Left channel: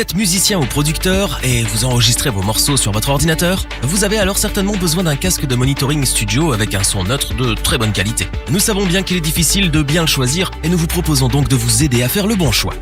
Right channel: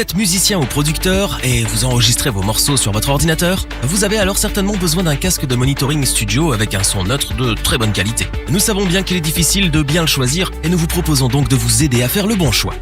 Vous êtes musicien ou producteur et vous enregistrez vos morceaux sur votre ordinateur? Vous avez alors certainement besoin d'un casque de monitoring studio avec un son neutre de très bonne qualité. Nous savons bien qu'il est difficile de bien le choisir et nous vous proposons donc de vous aider à faire le bon choix.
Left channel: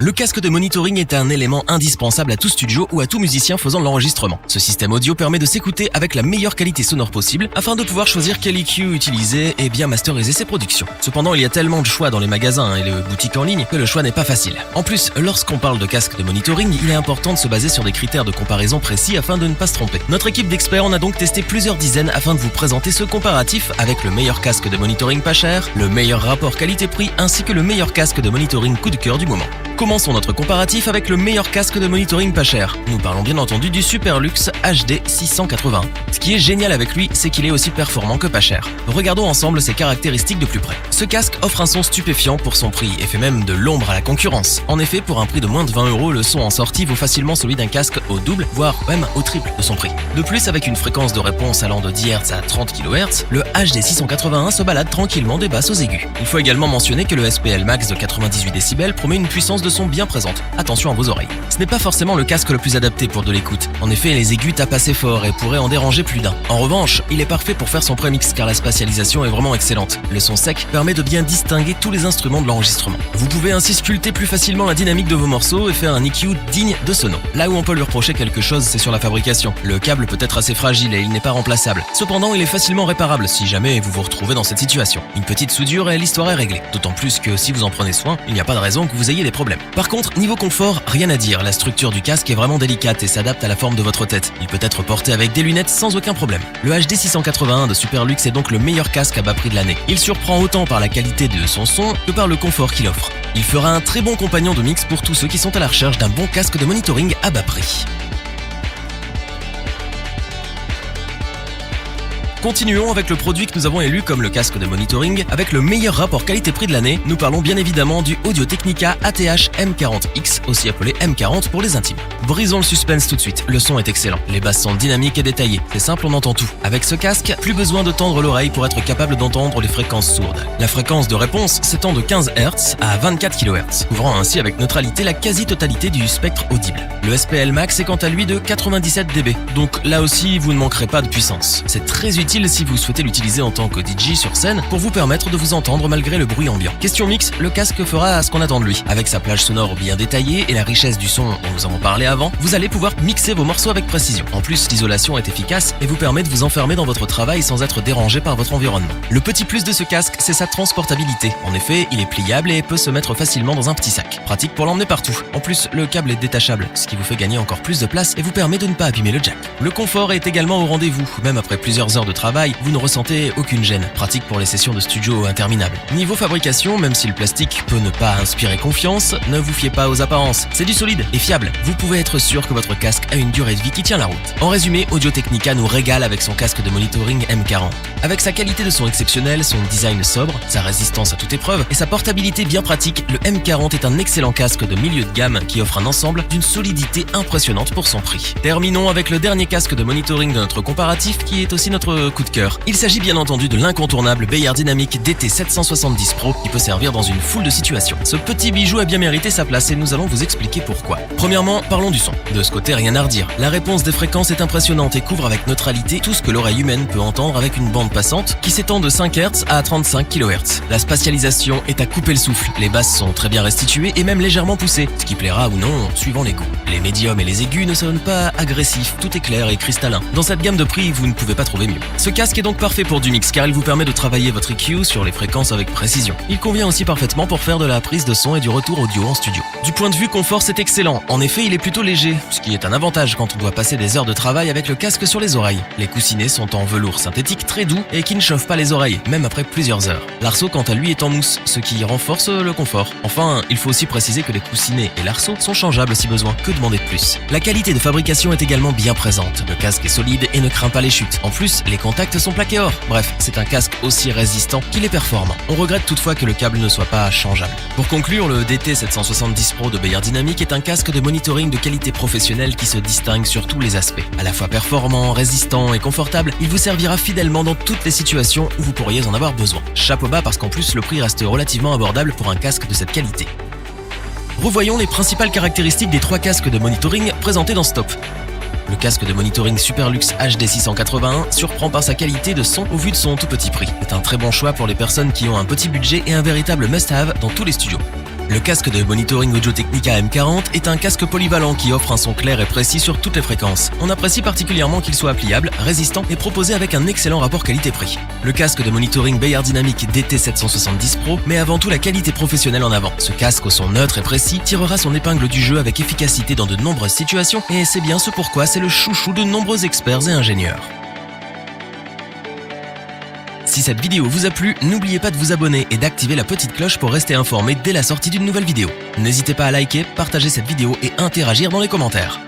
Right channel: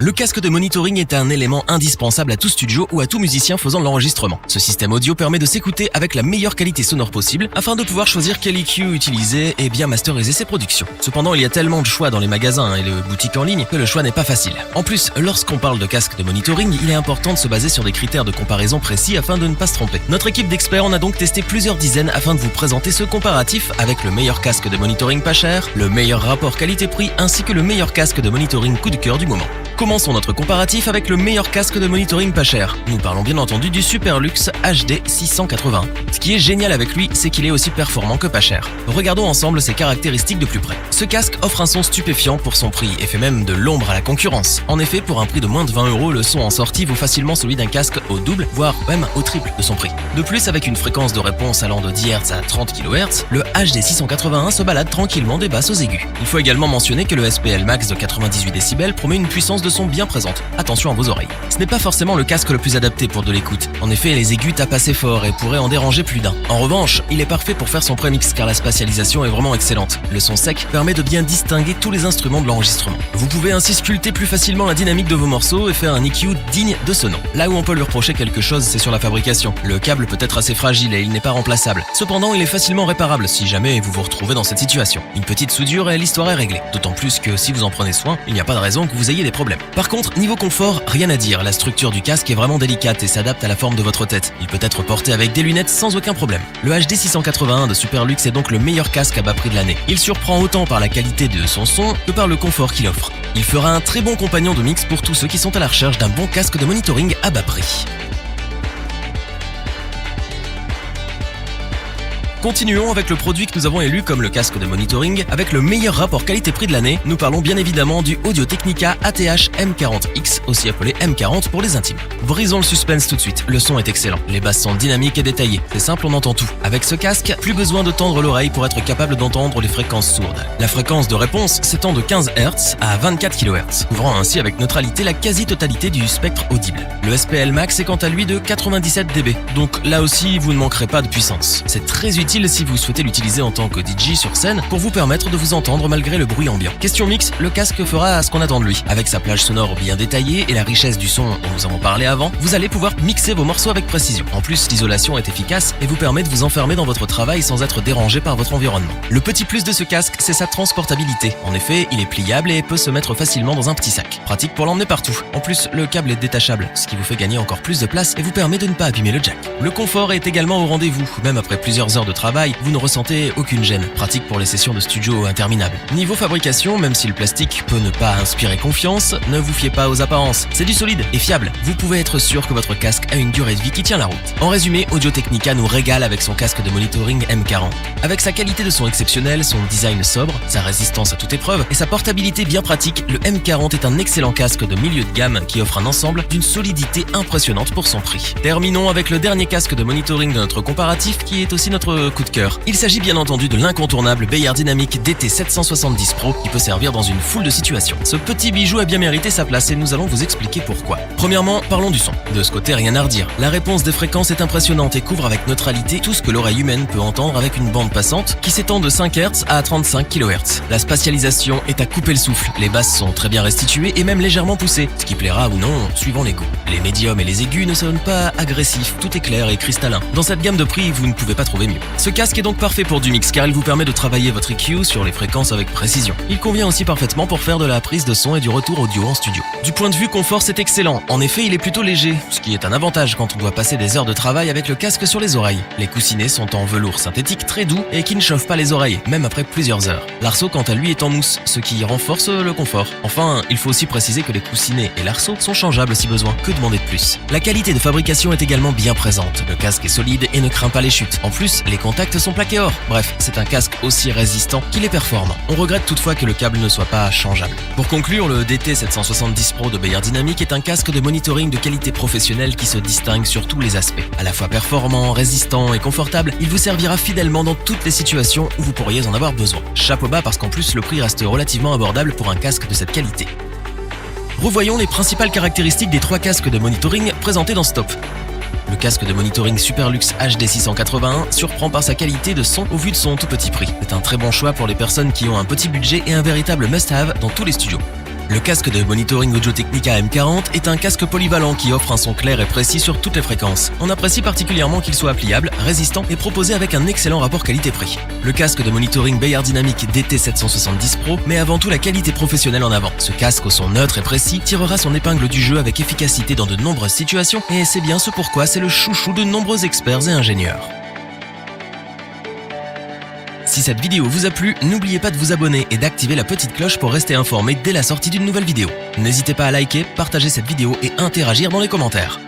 Le casque de monitoring est un élément indispensable à tout studio ou à tout musicien faisant de l'enregistrement. Ce système audio permet de s'écouter avec la meilleure qualité sonore possible afin de pouvoir choisir quel EQ utiliser et bien masteriser ses productions. Cependant, il y a tellement de choix dans les magasins et les boutiques en ligne que le choix n'est pas facile. En plus, lorsqu'on parle de casque de monitoring, il est important de se baser sur des critères de comparaison précis afin de ne pas se tromper. Notre équipe d'experts en a donc testé plusieurs dizaines afin de vous présenter ce comparatif avec le meilleur casque de monitoring pas cher, le meilleur rapport qualité-prix ainsi que le meilleur casque de monitoring coup de cœur du moment. Commençons notre comparatif avec le meilleur casque de monitoring pas cher. Nous parlons bien entendu du Superlux HD 680. Ce qui est génial avec lui, c'est qu'il est aussi performant que pas cher. Regardons ensemble ses caractéristiques de plus près. Ce casque offre un son stupéfiant pour son prix et fait même de l'ombre à la concurrence. En effet, pour un prix de moins de 20 €, le son en sortie vaut facilement celui d'un casque au double, voire même au triple de son prix. De plus, avec une fréquence de réponse allant de 10 Hz à 30 kHz, le HD 681 se balade tranquillement des basses aux aigus. Il faut également mentionner que le SPL Max de 98 décibels promet une puissance de son bien présente. Attention à vos oreilles. Ce n'est pas forcément le casque le plus adapté pour de l'écoute. En effet, les aigus tapent assez fort et pourraient en déranger plus d'un. En revanche, il est parfait pour faire son prémix car la spatialisation est vraiment excellente. Le son sec permet de bien distinguer tous les instruments de l'enregistrement. Vous pouvez ainsi sculpter plus facilement la dynamique de vos morceaux et faire un EQ digne de ce nom. Là où on peut lui reprocher quelque chose, c'est sur la fabrication. Le câble peut être assez fragile et il n'est pas remplaçable. Cependant, il est facilement réparable si jamais vous vous retrouvez dans cette situation. Une petite soudure et l'histoire est réglée. D'autant plus que si vous en prenez soin, il n'y a pas de raison que vous ayez des problèmes. Par contre, niveau confort, rien à dire, la structure du casque est vraiment délicate et s'adapte à la forme de votre tête. Il peut être porté avec des lunettes sans aucun problème. Le HD 681 de Superlux est donc le meilleur casque à bas prix de l'année. Il surprend autant par la qualité de son son que par le confort qu'il offre. Il fera un très bon compagnon de mix pour tous ceux qui sont à la recherche d'un bon casque de monitoring à bas prix. Continuons avec le produit que nous avons élu comme le casque de monitoring avec le meilleur rapport qualité-prix de l'année. Nous parlons bien évidemment du Audio-Technica ATH M40X, aussi appelé M40 pour les intimes. Brisons le suspense tout de suite. Le son est excellent. Les basses sont dynamiques et détaillées. C'est simple, on entend tout. Avec ce casque, plus besoin de tendre l'oreille pour être capable d'entendre les fréquences sourdes. La fréquence de réponse s'étend de 15 Hz à 24 kHz, couvrant ainsi avec neutralité la quasi-totalité du spectre audible. Le SPL Max est quant à lui de 97 dB. Donc là aussi, vous ne manquerez pas de puissance. C'est très utile si vous souhaitez l'utiliser en tant que DJ sur scène pour vous permettre de vous entendre malgré le bruit ambiant. Question mix, le casque fera ce qu'on attend de lui. Avec sa plage sonore bien détaillée et la richesse du son dont nous avons parlé avant, vous allez pouvoir mixer vos morceaux avec précision. En plus, l'isolation est efficace et vous permet de vous enfermer dans votre travail sans être dérangé par votre environnement. Le petit plus de ce casque, c'est sa transportabilité. En effet, il est pliable et peut se mettre facilement dans un petit sac. Pratique pour l'emmener partout. En plus, le câble est détachable, ce qui vous fait gagner encore plus de place et vous permet de ne pas abîmer le jack. Le confort est également au rendez-vous. Même après plusieurs heures de travail, vous ne ressentez aucune gêne. Pratique pour les sessions de studio interminables. Niveau fabrication, même si le plastique peut ne pas inspirer confiance, ne vous fiez pas aux apparences. C'est du solide et fiable. Vous pouvez être sûr que votre casque a une durée de vie qui tient la route. En résumé, Audio-Technica nous régale avec son casque de monitoring M40. Avec sa qualité de son exceptionnelle, son design sobre, sa résistance à toute épreuve et sa portabilité bien pratique, le M40 est un excellent casque de milieu de gamme qui offre un ensemble d'une solidité impressionnante pour son prix. Terminons avec le dernier casque de monitoring de notre comparatif qui est aussi notre coup de cœur. Il s'agit bien entendu de l'incontournable Beyer Dynamic DT770 Pro qui peut servir dans une foule de situations. Ce petit bijou a bien mérité sa place et nous allons vous expliquer pourquoi. Premièrement, parlons du son. De ce côté, rien à redire. La réponse des fréquences est impressionnante et couvre avec neutralité tout ce que l'oreille humaine peut entendre avec une bande passante qui s'étend de 5 Hz à 35 kHz. La spatialisation est à couper le souffle. Les basses sont très bien restituées et même légèrement poussées, ce qui plaira ou non suivant les coups. Les médiums et les aigus ne sonnent pas agressifs, tout est clair et cristallin. Dans cette gamme de prix, vous ne pouvez pas trouver mieux. Ce casque est donc parfait pour du mix car il vous permet de travailler votre EQ sur les fréquences avec précision. Il convient aussi parfaitement pour faire de la prise de son et du retour audio en studio. Du point de vue confort, c'est excellent. En effet, il est plutôt léger, ce qui est un avantage quand on doit passer des heures de travail avec le casque sur les oreilles. Les coussinets sont en velours synthétique très doux et qui ne chauffent pas les oreilles, même après plusieurs heures. L'arceau, quant à lui, est en mousse, ce qui renforce le confort. Enfin, il faut aussi préciser que les coussinets et l'arceau sont changeables si besoin. Que demander de plus? La qualité de fabrication est également bien présente. Le casque est solide et ne craint pas les chutes. En plus, les contact sont plaqués or. Bref, c'est un casque aussi résistant qu'il est performant. On regrette toutefois que le câble ne soit pas changeable. Pour conclure, le DT770 Pro de Beyerdynamic est un casque de monitoring de qualité professionnelle qui se distingue sur tous les aspects. À la fois performant, résistant et confortable, il vous servira fidèlement dans toutes les situations où vous pourriez en avoir besoin. Chapeau bas parce qu'en plus le prix reste relativement abordable pour un casque de cette qualité. Revoyons les principales caractéristiques des 3 casques de monitoring présentés dans ce top. Le casque de monitoring Superlux HD 681 surprend par sa qualité de son au vu de son tout petit prix. C'est un très bon choix pour les personnes qui ont un petit budget et un véritable must-have dans tous les studios. Le casque de monitoring Audio-Technica M40 est un casque polyvalent qui offre un son clair et précis sur toutes les fréquences. On apprécie particulièrement qu'il soit pliable, résistant et proposé avec un excellent rapport qualité-prix. Le casque de monitoring Beyerdynamic DT770 Pro met avant tout la qualité professionnelle en avant. Ce casque au son neutre et précis tirera son épingle du jeu avec efficacité dans de nombreuses situations et c'est bien ce pourquoi c'est le chouchou de nombreux experts et ingénieurs. Si cette vidéo vous a plu, n'oubliez pas de vous abonner et d'activer la petite cloche pour rester informé dès la sortie d'une nouvelle vidéo. N'hésitez pas à liker, partager cette vidéo et interagir dans les commentaires.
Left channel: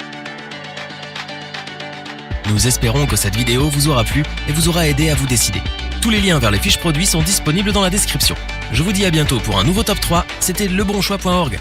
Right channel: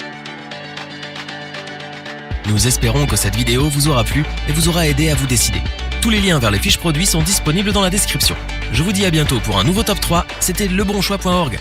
Nous espérons que cette vidéo vous aura plu et vous aura aidé à vous décider. Tous les liens vers les fiches produits sont disponibles dans la description. Je vous dis à bientôt pour un nouveau top 3, c'était lebonchoix.org.